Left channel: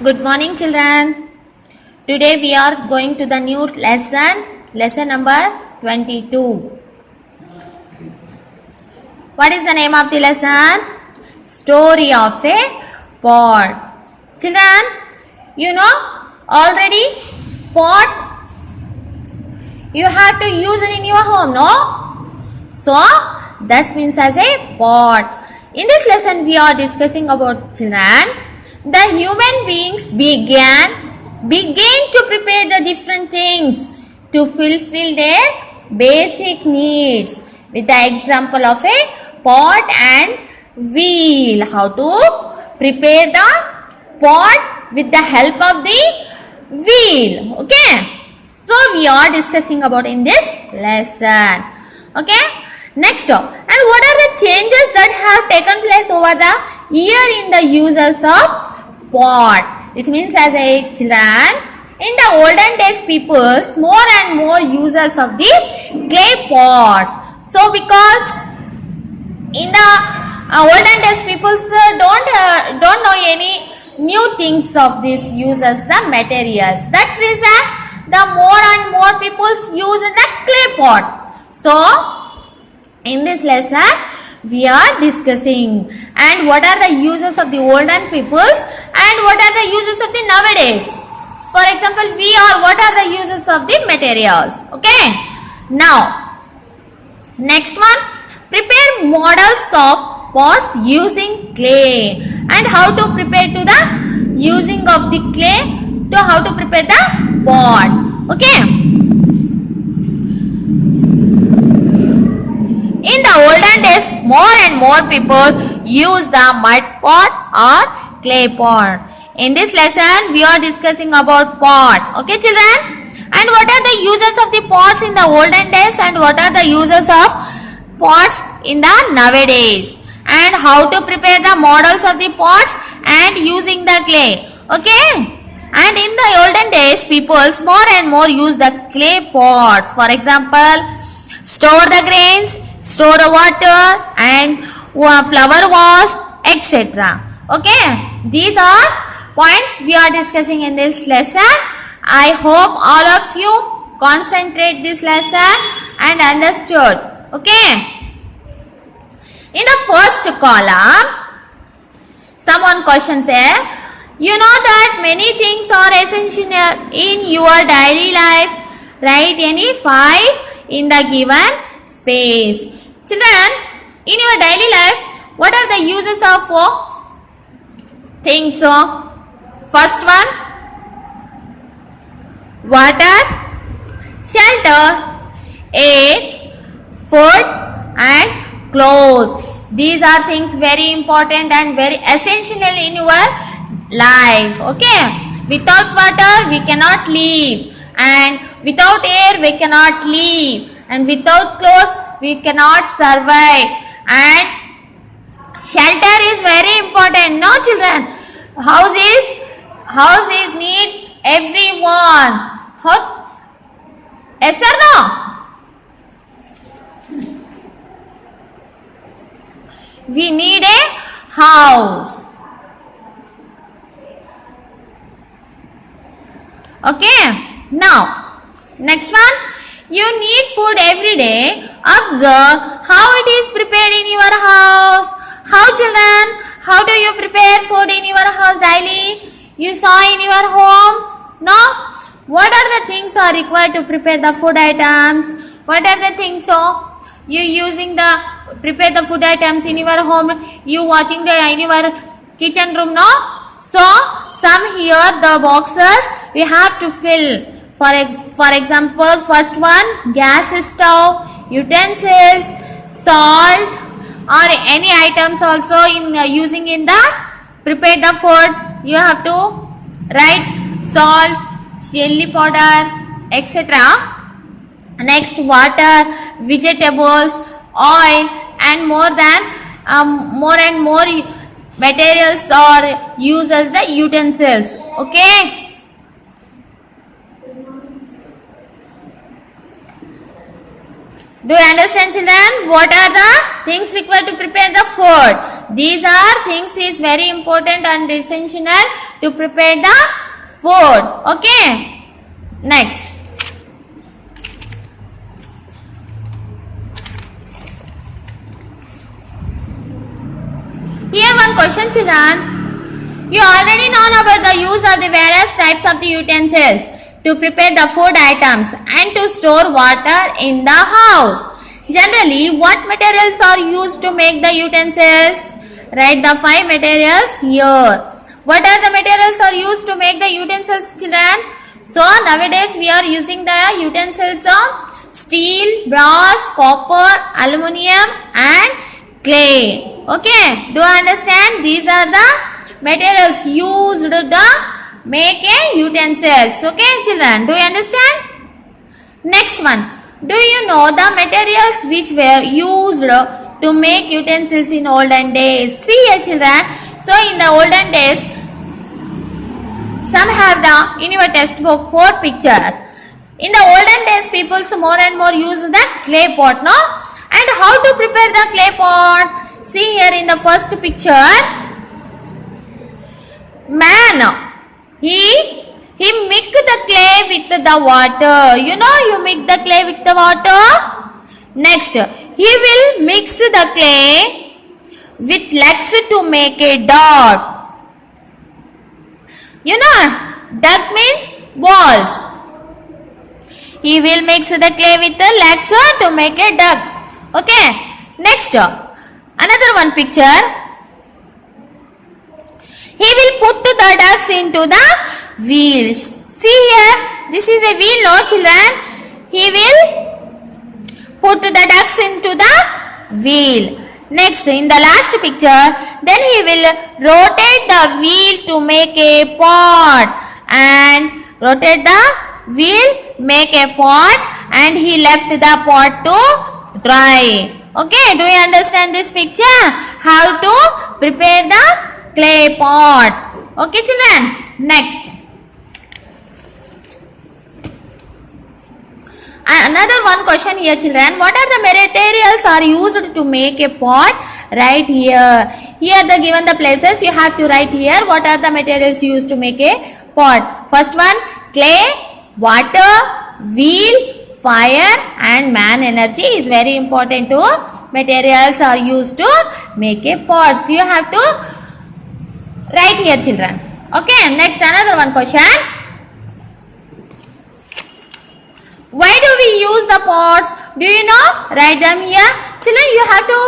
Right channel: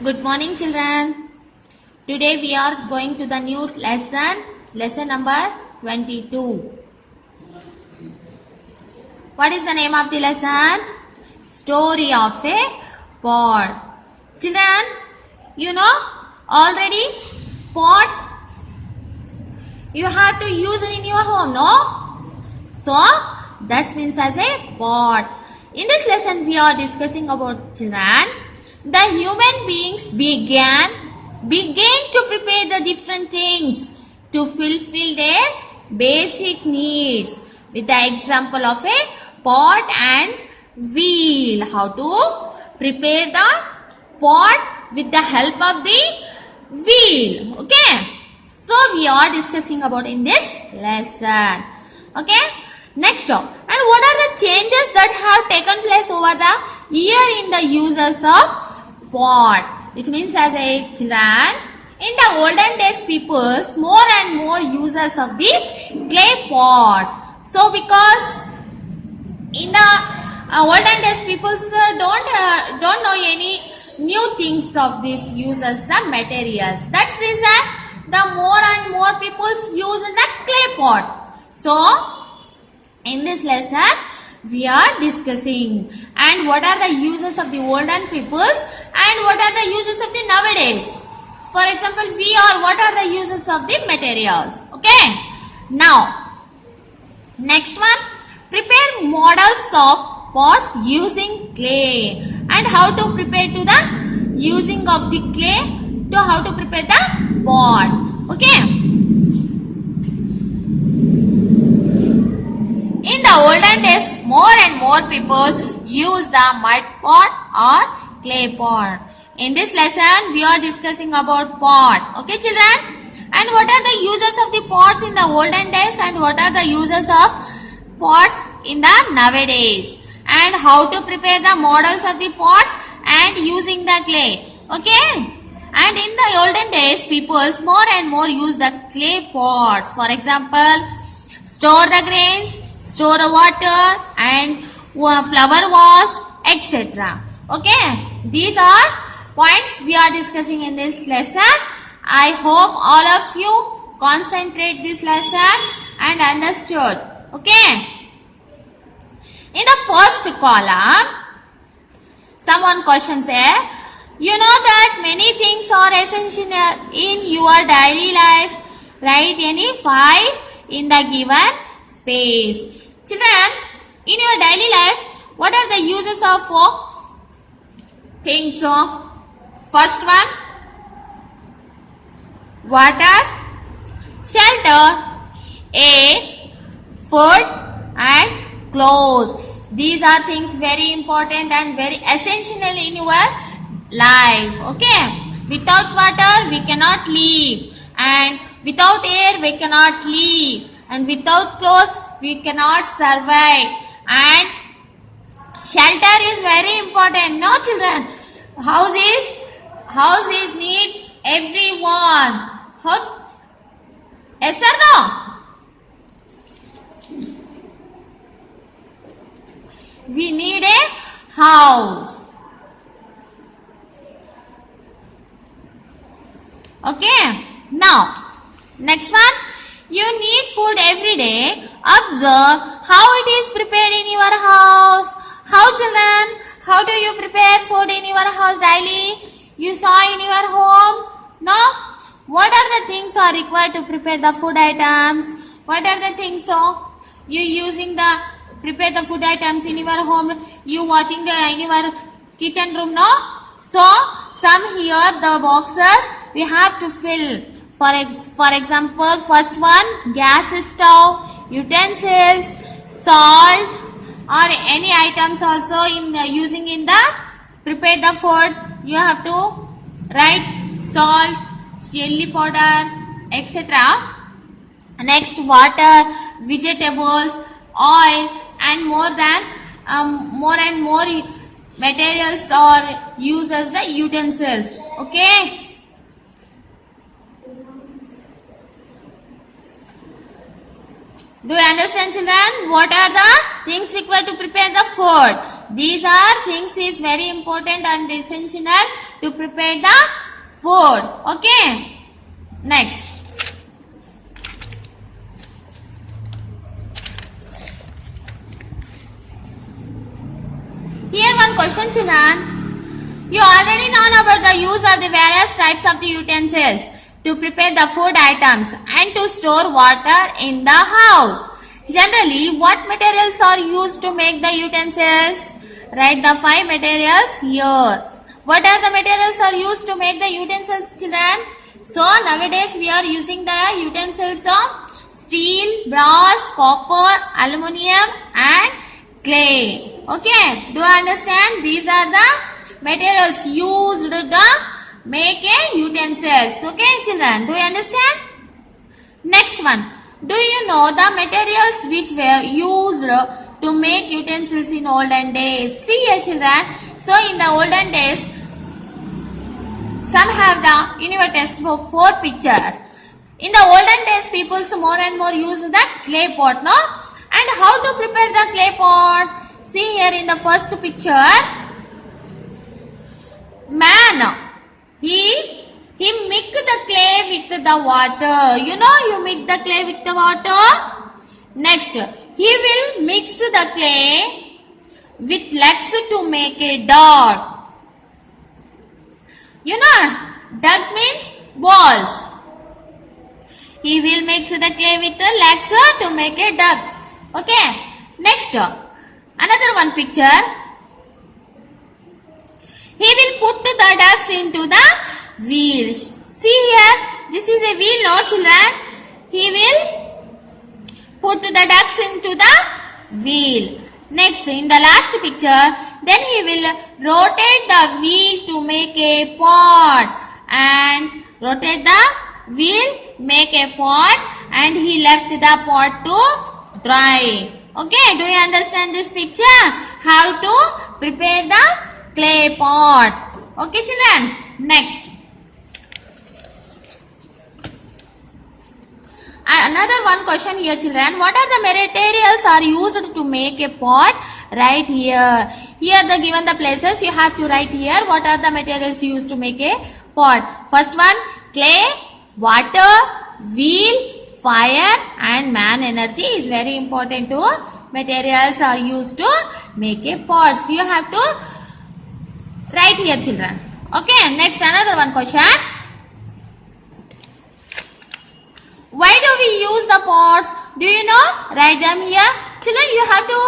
Good morning, children. Today we are going to the new lesson number 22. What is the name of the lesson? Story of a pot. Children, you know already pot you have to use it in your home, no? So that means as a pot. In this lesson we are discussing about children. The human beings began to prepare the different things to fulfill their basic needs with the example of a pot and wheel. How to prepare the pot with the help of the wheel. Okay. So we are discussing about in this lesson. Okay. Next, and what are the changes that have taken place over the year in the uses of pot? It means as a children, in the olden days peoples more and more users of the clay pots. So because in the olden days peoples don't know any new things of this uses the materials. That's reason the more and more peoples use the clay pot. So in this lesson we are discussing and what are the uses of the olden peoples and what are the uses of the nowadays. For example, what are the uses of the materials. Okay. Now, next one, prepare models of pots using clay and how to prepare to the using of the clay to how to prepare the pot. Okay. In the olden days, more and more people use the mud pot or clay pot. In this lesson, we are discussing about pot. Okay, children? And what are the uses of the pots in the olden days and what are the uses of pots in the nowadays? And how to prepare the models of the pots and using the clay. Okay? And in the olden days, people more and more use the clay pots. For example, store the grains, store the water and flower vase, etc. Okay, these are points we are discussing in this lesson. I hope all of you concentrate this lesson and understood. Okay. In the first column, someone question say, you know that many things are essential in your daily life. Write any 5 in the given space. Children, in your daily life, what are the uses of things? First one, water, shelter, air, food and clothes. These are things very important and very essential in your life. Okay. Without water, we cannot live. And without air, we cannot live. And without clothes, we cannot survive. And shelter is very important. No, children. Houses need everyone. Yes or no? We need a house. Okay. Now, next one. You need food every day. Observe how it is prepared in your house. How, children? How do you prepare food in your house daily? You saw in your home? No? What are the things are required to prepare the food items? What are the things you using the prepare the food items in your home? You watching in your kitchen room, no? So, some here the boxes we have to fill. For example, first one, gas stove, utensils, salt or any items also in using in the prepare the food. You have to write salt, chili powder, etc. Next, water, vegetables, oil and more and more materials or used as the utensils. Okay. Do you understand, children? What are the things required to prepare the food? These are things is very important and essential to prepare the food. Okay. Next. Here one question, children. You already know about the use of the various types of the utensils to prepare the food items and to store water in the house. Generally, what materials are used to make the utensils? Write the 5 materials here. What are the materials are used to make the utensils, children? So, nowadays we are using the utensils of steel, brass, copper, aluminium and clay. Okay, do you understand? These are the materials used to make a utensils. Okay, children, do you understand? Next one. Do you know the materials which were used to make utensils in olden days? See here, children. So in the olden days, some have the in your textbook 4 pictures. In the olden days, people more and more use the clay pot, no? And how to prepare the clay pot? See here in the first picture. Man, he mix the clay with the water. You know, you mix the clay with the water. Next, he will mix the clay with legs to make a dog. You know, dog means balls. He will mix the clay with the legs to make a dog. Okay. Next, another one picture. He will put the ducks into the wheel. See here, this is a wheel, no children? He will put the ducks into the wheel. Next, in the last picture, then he will rotate the wheel to make a pot. And rotate the wheel, make a pot, and he left the pot to dry. Okay, do you understand this picture? How to prepare the clay pot. Okay, children. Next. Another one question here, children. What are the materials are used to make a pot? Write here. Here the given the places you have to write here. What are the materials used to make a pot? First one, clay, water, wheel, fire and man energy is very important to materials are used to make a pot. So you have to write here, children. Okay, next another one question. Why do we use the pots? Do you know? Write them here. Children, you have to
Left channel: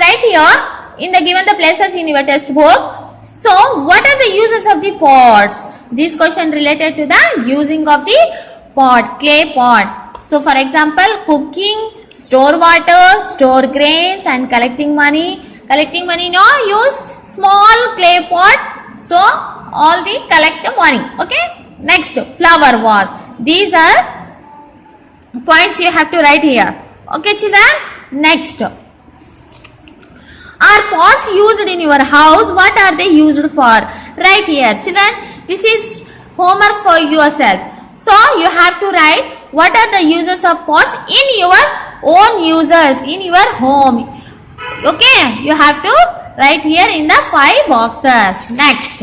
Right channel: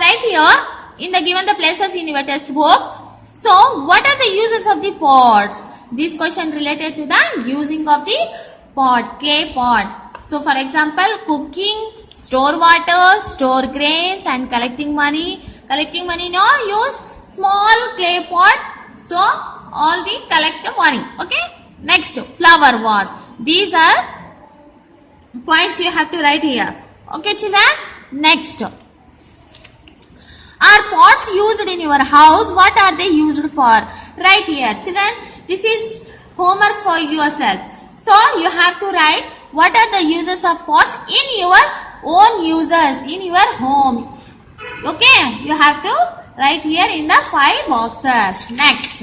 write here in the given the places in your textbook. So, what are the uses of the pots? This question related to the using of the pot, clay pot. So, for example, cooking, store water, store grains and collecting money. Collecting money, no, use small clay pot. So, all the collect the money. Okay. Next, flower vase. These are points you have to write here. Okay, children. Next. Are pots used in your house? What are they used for? Write here. Children, this is homework for yourself. So, you have to write what are the uses of pots in your own uses, in your home. Okay, you have to write here in the 5 boxes. Next.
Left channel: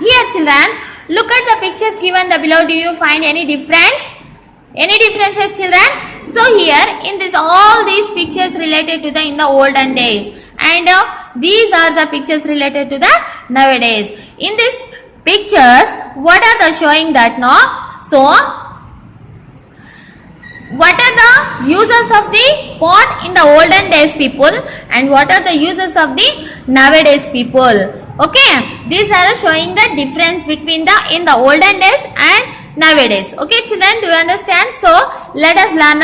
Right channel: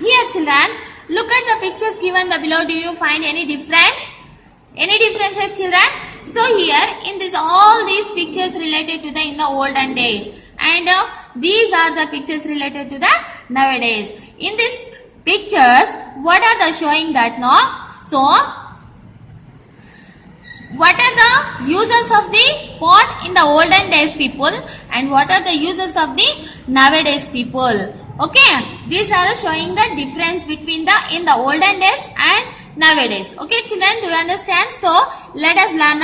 Here, children, look at the pictures given below. Do you find any difference? Any differences, children? So here, in this, all these pictures related to the in the olden days, and these are the pictures related to the nowadays. In these pictures, what are the showing that now? So, what are the uses of the pot in the olden days people, and what are the uses of the nowadays people? Okay, these are showing the difference between the in the olden days and nowadays. Okay, children, do you understand? So, let us learn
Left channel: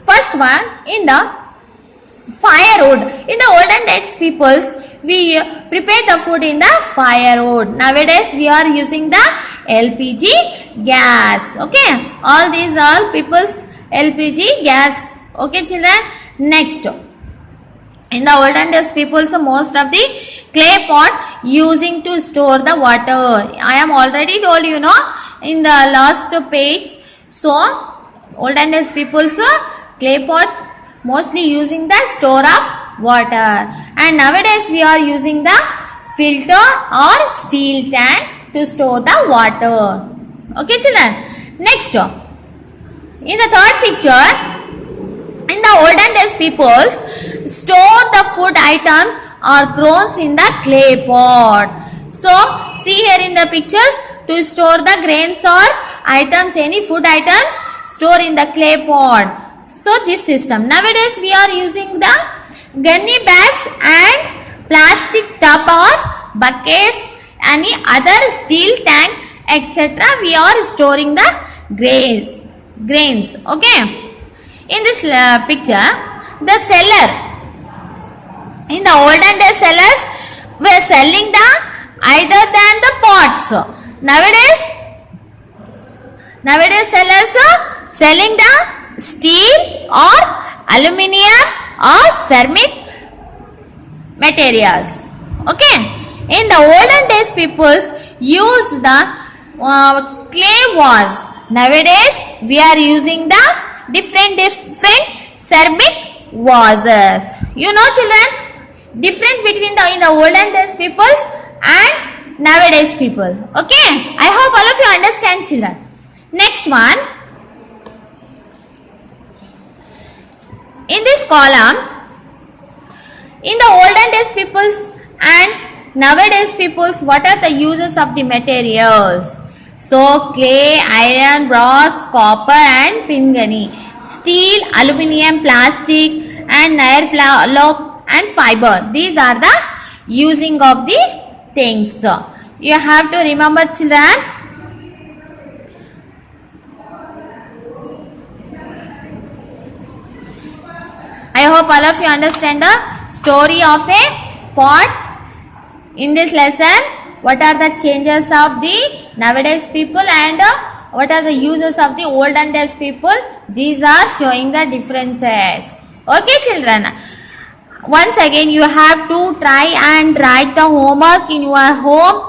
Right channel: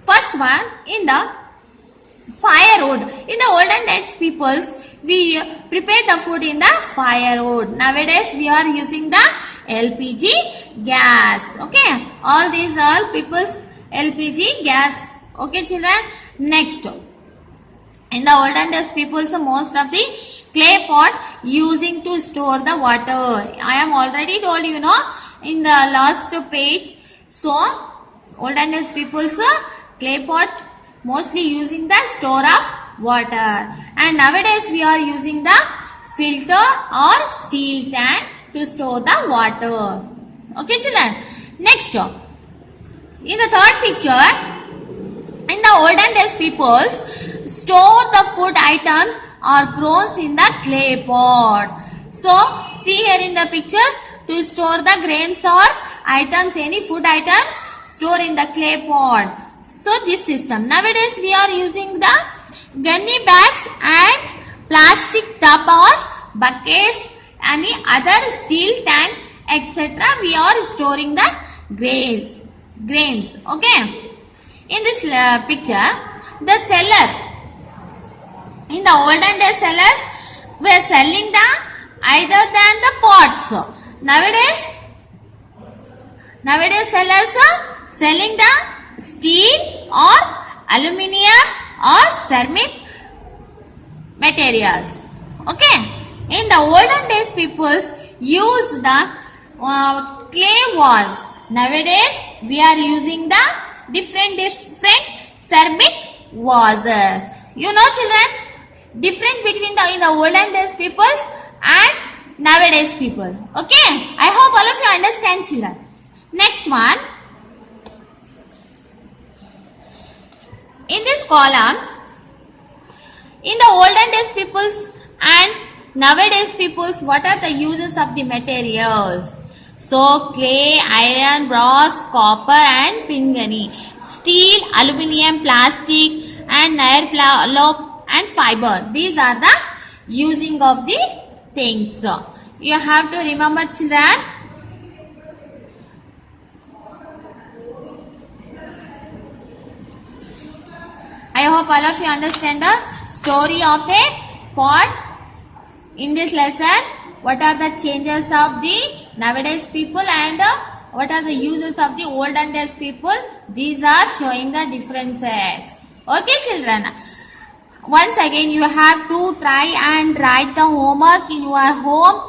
first one in the firewood. In the olden days, peoples, we prepare the food in the firewood. Nowadays, we are using the LPG gas. Okay, all these are people's LPG gas. Okay, children. Next, in the olden days, people most of the clay pot using to store the water. I am already told in the last page. So, olden days people clay pot mostly using the store of water, and nowadays we are using the filter or steel tank to store the water. Okay, children. Next, in the third picture, in the olden days, people store the food items or grains in the clay pot. So, see here in the pictures, to store the grains or items, any food items, store in the clay pot. So, this system. Nowadays, we are using the gunny bags and plastic tub or buckets, any other steel tank, etc. We are storing the grains. Okay. In this picture, the seller, in the olden days, sellers were selling the either than the pots. Nowadays sellers are selling the steel or aluminium or ceramic materials. Okay. In the olden days, people use the clay vase. Nowadays, we are using the different ceramic vases. You know, children, different between the in the olden days peoples and nowadays people. Okay, I hope all of you understand, children. Next one, in this column, in the olden days peoples and nowadays peoples, what are the uses of the materials? So, clay, iron, brass, copper and pingani, steel, aluminium, plastic and nylon and fiber. These are the using of the things. So, you have to remember, children. I hope all of you understand the story of a pot. In this lesson, what are the changes of the nowadays people and what are the uses of the olden days people? These are showing the differences. Okay, children. Once again, you have to try and write the homework in your home.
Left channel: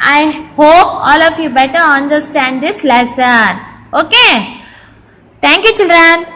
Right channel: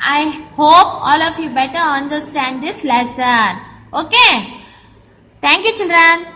I hope all of you better understand this lesson. Okay. Thank you, children.